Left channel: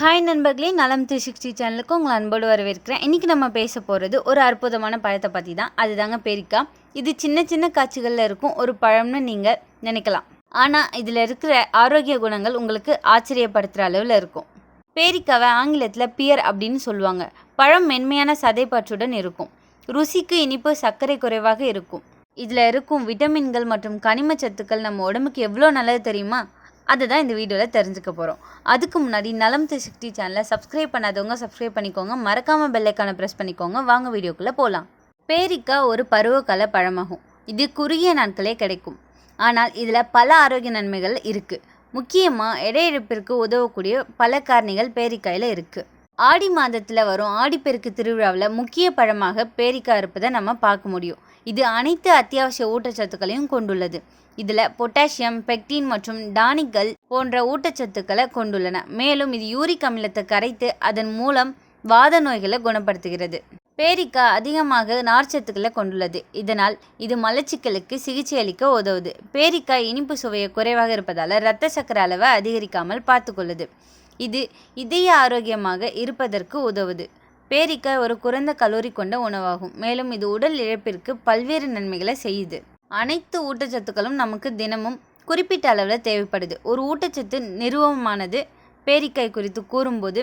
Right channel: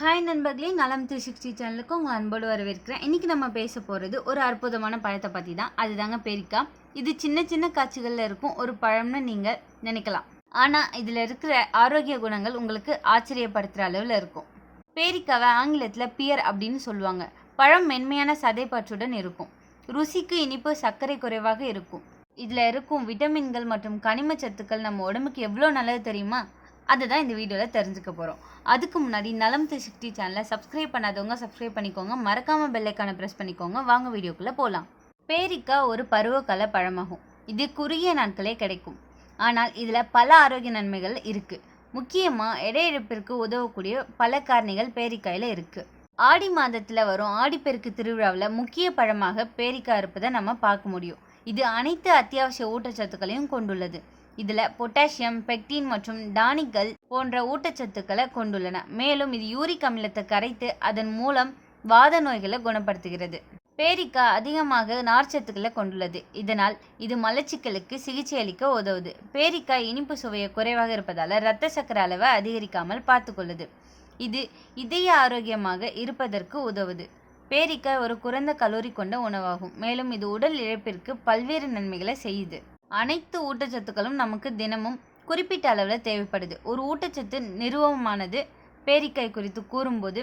Hi நண்பர்களே, நலம் 360 சேனலுக்கு உங்களை அன்போடு வரவேற்கிறேன். இன்றைக்கி நம்ம பேச போகிறது ஒரு அற்புதமான பழத்தை பற்றி தான். அதுதாங்க பேரிக்காய். இது சின்ன சின்ன காட்சிகளில் இருக்கும் ஒரு பழம்னு நீங்கள் நினைக்கலாம். ஆனால் இதில் இருக்கிற ஆரோக்கிய குணங்கள் உங்களுக்கு ஆச்சரியப்படுத்துகிற அளவில் இருக்கும். பேரிக்காவை ஆங்கிலத்தில் பியர் அப்படின்னு சொல்லுவாங்க. பழம் மென்மையான சதைப்பற்றுடன் இருக்கும். ருசிக்கு இனிப்பு, சர்க்கரை குறைவாக இருக்கும். இதில் இருக்கும் விட்டமின்கள் மற்றும் கனிம சத்துக்கள் நம்ம உடம்புக்கு எவ்வளோ நல்லது தெரியுமா? அதுதான் இந்த வீடியோவில் தெரிஞ்சுக்க போகிறோம். அதுக்கு முன்னாடி நலம் 360 சேனலை சப்ஸ்கிரைப் பண்ணாதவங்க சப்ஸ்கிரைப் பண்ணிக்கோங்க. மறக்காமல் பெல்லைக்கான ப்ரெஸ் பண்ணிக்கோங்க. வாங்க வீடியோக்குள்ளே போகலாம். பேரிக்காய் ஒரு பருவகால பழமாகும். இது குறுகிய நாட்களே கிடைக்கும். ஆனால் இதில் பல ஆரோக்கிய நன்மைகள் இருக்குது. முக்கியமாக எடை இழப்பிற்கு உதவக்கூடிய பல காரணிகள் பேரிக்காயில் இருக்குது. ஆடி மாதத்தில் வரும் ஆடிப்பெருக்கு திருவிழாவில் முக்கிய பழமாக பேரிக்காய் இருப்பதை நம்ம பார்க்க முடியும். இது அனைத்து அத்தியாவசிய ஊட்டச்சத்துக்களையும் கொண்டுள்ளது. இதில் பொட்டாசியம், பெக்டின் மற்றும் டானிக்கள் போன்ற ஊட்டச்சத்துக்களை கொண்டுள்ளன. மேலும் இது யூரிக் அமிலத்தை கரைத்து அதன் மூலம் வாத நோய்களை குணப்படுத்துகிறது. பேரிக்காய் அதிகமாக நார்ச்சத்துக்களை கொண்டுள்ளது. இதனால் இது மலச்சிக்கலுக்கு சிகிச்சை அளிக்க உதவுது. பேரிக்காய் இனிப்பு சுவையை குறைவாக இருப்பதால் இரத்த சர்க்கரை அளவை அதிகரிக்காமல் பார்த்துக்கொள்ளுது. இது இதய ஆரோக்கியமாக இருப்பதற்கு உதவுது. பேரிக்காய் ஒரு குறைந்த கலோரி கொண்ட உணவாகும். மேலும் இது உடல் இழப்பிற்கு பல்வேறு நன்மைகளை செய்யுது. அனைத்து ஊட்டச்சத்துக்களும் நமக்கு தினமும் குறிப்பிட்ட அளவில் தேவைப்படுது. ஒரு ஊட்டச்சத்து நிறுவனமானது பேரிக்காய் குறித்து கூறும்போது,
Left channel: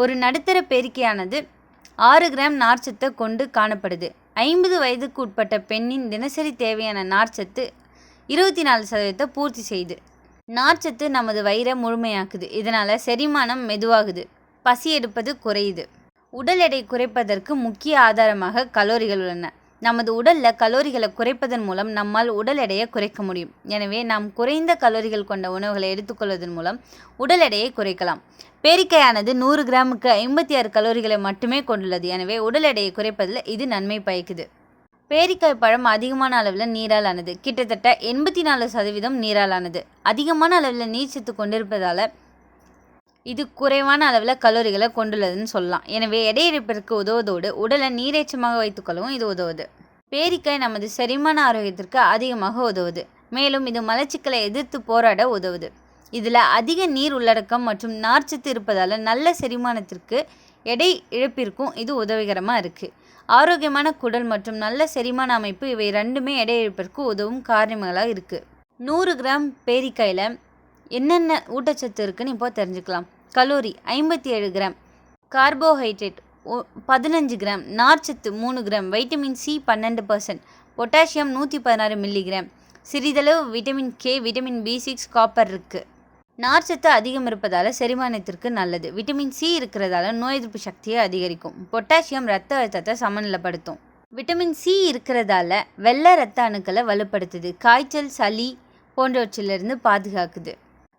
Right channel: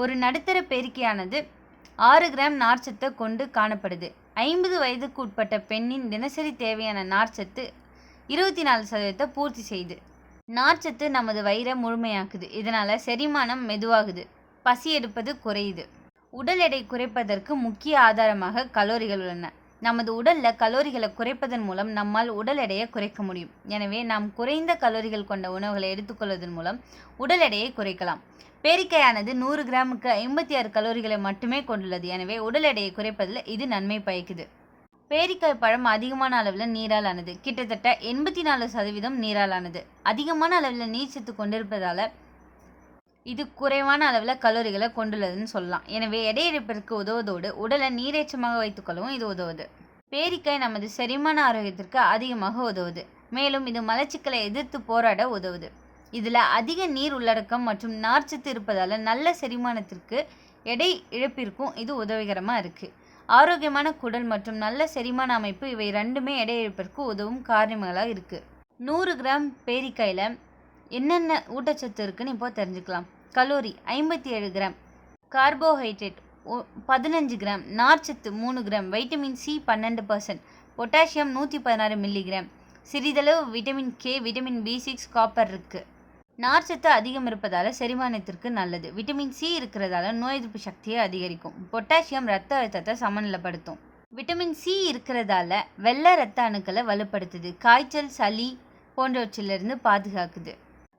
ஒரு நடுத்தர பேரிக்காயானது 6 கிராம் நார்ச்சத்தை கொண்டு காணப்படுது. 50 வயதுக்கு உட்பட்ட பெண்ணின் தினசரி தேவையான நார்ச்சத்து 24% பூர்த்தி செய்யுது. நார்ச்சத்து நமது வயிறை முழுமையாக்குது. இதனால் செரிமானம் மெதுவாகுது, பசி எடுப்பது குறையுது. உடல் எடை குறைப்பதற்கு முக்கிய ஆதாரமாக கலோரிகள் உள்ளன. நமது உடலில் கலோரிகளை குறைப்பதன் மூலம் நம்மால் உடல் எடையை குறைக்க முடியும். எனவே நாம் குறைந்த கலோரிகள் கொண்ட உணவுகளை எடுத்துக்கொள்வதன் மூலம் உடல் எடையை குறைக்கலாம். பேரிக்காயானது 100 கிராமுக்கு 56 கலோரிகளை மட்டுமே கொண்டுள்ளது. எனவே உடல் எடையை குறைப்பதில் இது நன்மை பயக்குது. பேரிக்காய் பழம் அதிகமான அளவில் நீரால் ஆனது. கிட்டத்தட்ட 84% நீரால் ஆனது. அதிகமான அளவில் நீர்ச்சத்து கொண்டிருப்பதால் இது குறைவான அளவில் கலோரிகளை கொண்டுள்ளதுன்னு சொல்லலாம். எனவே எடை இழப்பிற்கு உதவுவதோடு உடலை நீரேற்றமாக வைத்துக்கொள்ளவும் இது உதவுது. பேரிக்காய் நமது செரிமான ஆரோக்கியத்திற்கு அதிகமாக உதவுது. மேலும் இது மலச்சிக்கலை எதிர்த்து போராட உதவுது. இதில் அதிக நீர் உள்ளடக்கம் மற்றும் நார்ச்சத்து இருப்பதால் நல்ல செரிமானத்திற்கு எடை இழப்பிற்கும் இது உதவிகரமாக இருக்குது. ஆரோக்கியமான குடல் மற்றும் நல்ல செரிமான அமைப்பு இவை ரெண்டுமே எடை இழப்பிற்கு உதவும் காரணங்களாக இருக்குது. 100 கிராம் பேரிக்காயில் என்னென்ன ஊட்டச்சத்து இருக்குன்னு இப்போ தெரிஞ்சுக்கலாம். கலோரி 57 கிராம், கார்போஹைட்ரேட் 15 கிராம், நார்ச்சத்து 3 gram, vitamin C 12%, potassium 116 milligram, சிறிதளவு vitamin K, vitamin B6, copper இருக்குது. நார்ச்சத்து அதிகம் இருப்பதால் செரிமானத்திற்கு நல்லது. விட்டமின் சி இருக்கிறதால நோய் எதிர்ப்பு சக்தியை அதிகரிக்கும். பொட்டாசியம் இரத்த அழுத்தத்தை சமநிலைப்படுத்தும். விட்டமின் சி இருக்கிறதால வெள்ளை இரத்த அணுக்களை வலுப்படுத்துது. காய்ச்சல், சளி போன்றவற்றிலிருந்து பாதுகாக்குது.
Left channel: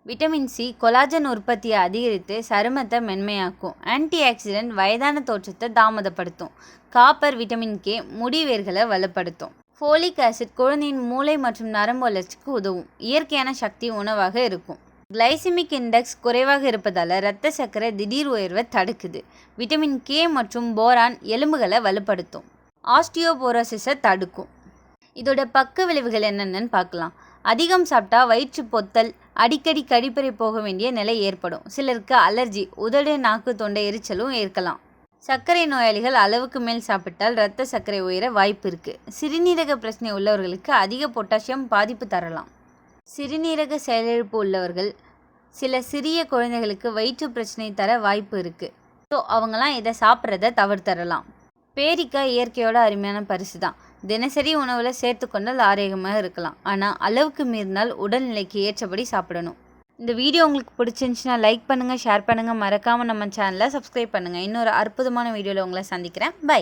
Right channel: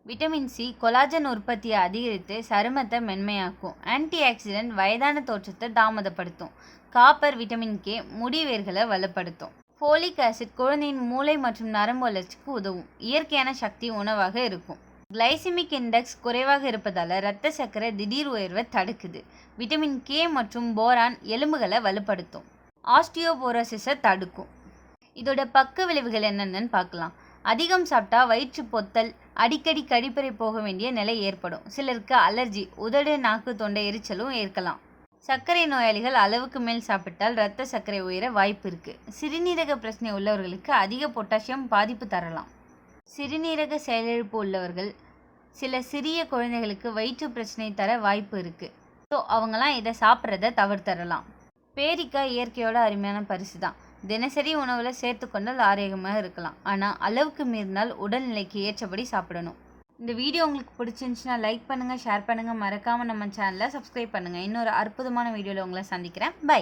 விட்டமின் சி கொலாஜன் உற்பத்தியை அதிகரித்து சருமத்தை மென்மையாக்கும். ஆன்டி ஆக்சிடென்ட் வயதான தோற்றத்தை தாமதப்படுத்தும். காப்பர், விட்டமின் கே முடி வேர்களை வலுப்படுத்தும். ஃபோலிக் ஆசிட் குழந்தையின் மூளை மற்றும் நரம்பு வளர்ச்சிக்கு உதவும். இயற்கையான சக்தி உணவாக இருக்கும். கிளைசிமிக் இண்டெக்ஸ் குறைவாக இருப்பதால் இரத்த சர்க்கரை திடீர் உயர்வை தடுக்குது. விட்டமின் கே மற்றும் போரான் எலும்புகளை வலுப்படுத்தும். ஆஸ்டியோபோரோசிஸை தடுக்கும். இதோட பக்க விளைவுகள் என்னென்னு பார்க்கலாம். அதிகம் சாப்பிட்டா வயிற்று பொத்தல், அடிக்கடி கழிப்பறை போக வேண்டிய நிலை ஏற்படும். சிலருக்கு அலர்ஜி, உதடு, நாக்கு, தொண்டை எரிச்சலும் ஏற்கலாம். சர்க்கரை நோயாளிகள் அளவுக்கு மேல் சாப்பிட்டால் இரத்த சர்க்கரை உயர வாய்ப்பு இருக்குது. சிறுநீரக பிரச்சனை உள்ளவர்களுக்கு அதிக பொட்டாசியம் பாதிப்பு தரலாம். சிறுநீரக செயலிழப்பு உள்ளவர்கள், சில சிறிய குழந்தைகளுக்கு வயிற்று பிரச்சனை தர வாய்ப்பு இருக்குது. ஸோ அவங்களாம் இதை சாப்பிட்றத தவிர்த்தரலாம். பேரிக்காய் இயற்கையோட அருமையான பரிசு தான். தினசரி உணவில் சேர்த்து கொண்டால் ஆரோக்கியமாக இருக்கலாம். ஆனால் அளவுக்கு மீறினால் உடல்நிலைக்கு ஏற்றபடி சாப்பிடணும். இந்த வீடியோ உங்களுக்கு பிடிச்சிருந்துச்சுன்னா லைக் பண்ணுங்கள், ஷேர் பண்ணுங்கள். மறக்காமல் நம்ம சேனலை சப்ஸ்கிரைப் பண்ணுங்கள். இன்னொரு அற்புதமான வீடியோவில் உங்களை சந்திக்கிறேன். பை.